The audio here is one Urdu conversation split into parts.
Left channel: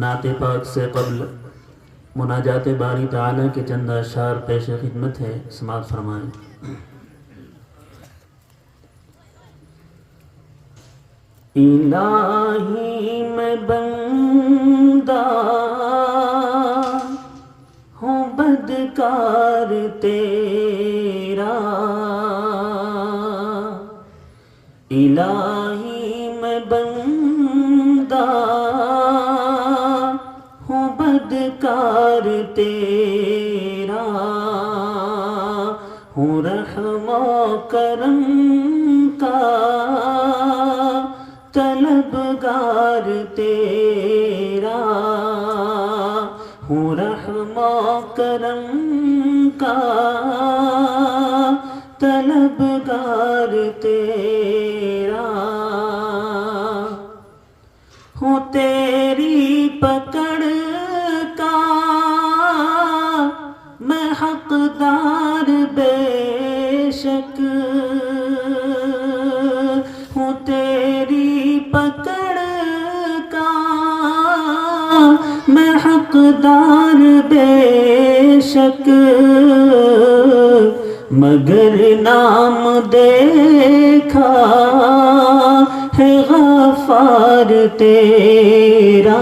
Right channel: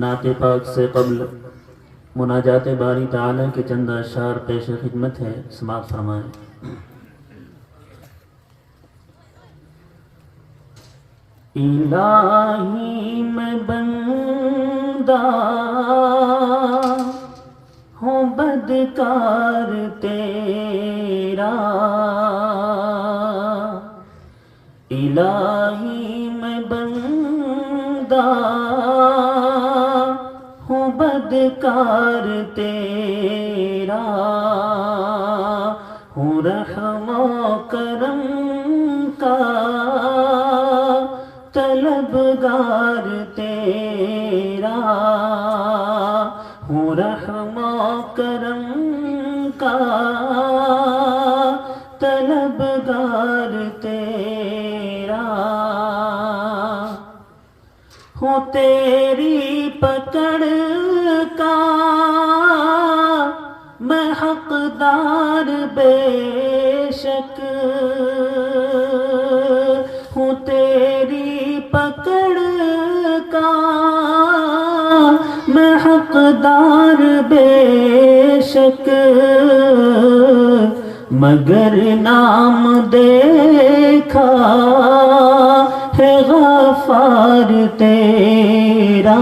نعت پاک سے قبل مناجات باری تعالیٰ کے چند اشعار پیش خدمت ہے، سماعت فرمائیں۔ الہی میں بندہ ہوں بدکار تیرا، الہی میں بندہ ہوں بدکار تیرا، ہوں رحم و کرم کا طلبگار تیرا، ہوں رحم و کرم کا طلبگار تیرا، ہوں تیری پکڑ کا میں حقدار بے شک، ہوں تیری پکڑ کا میں حقدار بے شک، مگر نام دیکھا ہے غفار تیرا،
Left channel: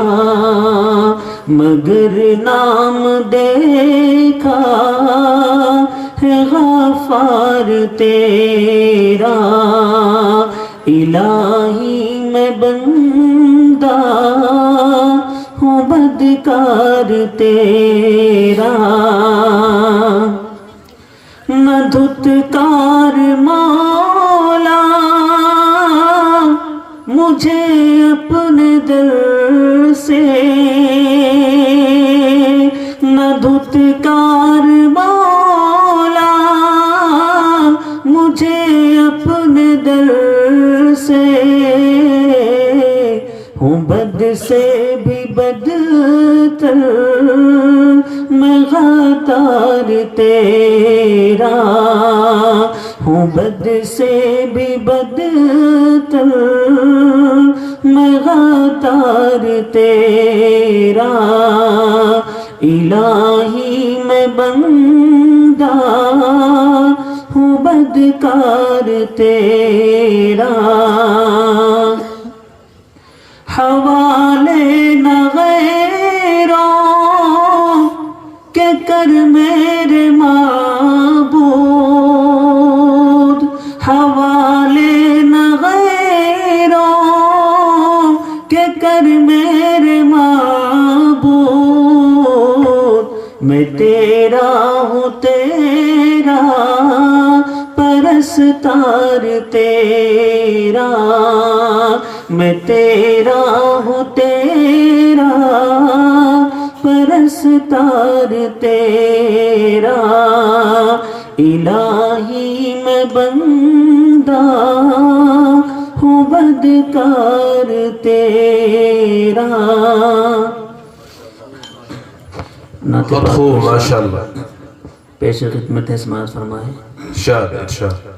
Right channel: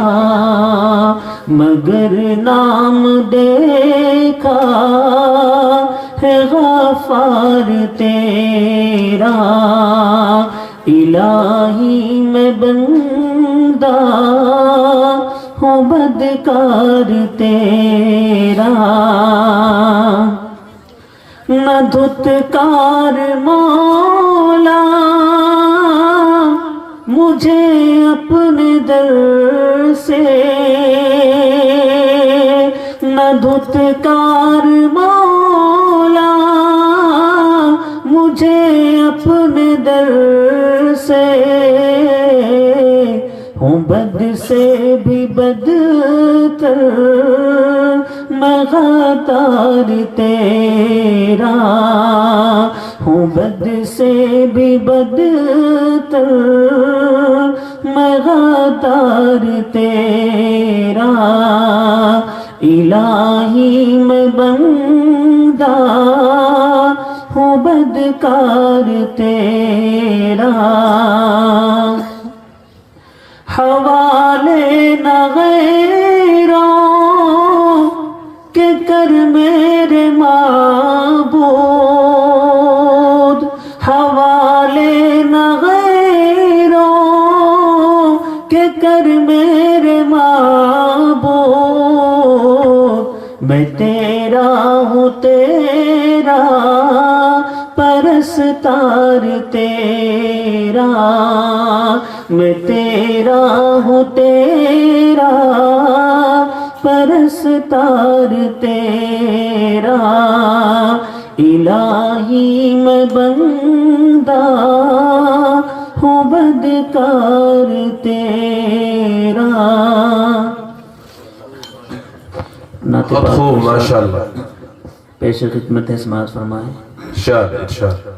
مگر نام دیکھا ہے غفار تیرا، الہی میں بندہ ہوں بدکار تیرا، نہ دھتکار مولا مجھے اپنے در سے، نہ دھتکار مولا مجھے اپنے در سے، ہوں بد سے بھی بدتر میں غدار تیرا، ہوں بد سے بھی بدتر میں غدار تیرا، الہی میں بندہ ہوں بدکار تیرا، حوالے نہ غیروں کے کر میرے معبود، حوالے نہ غیروں کے کر میرے معبود، میں تیرا ہوں تیرا پرستار تیرا، میں تیرا ہوں تیرا پرستار تیرا، الہی میں بندہ ہوں بدکار تیرا۔ بہت خوب، ماشاءاللہ، پیش خدمت ہے، سماعت فرمائیں۔ ارشاد ارشاد۔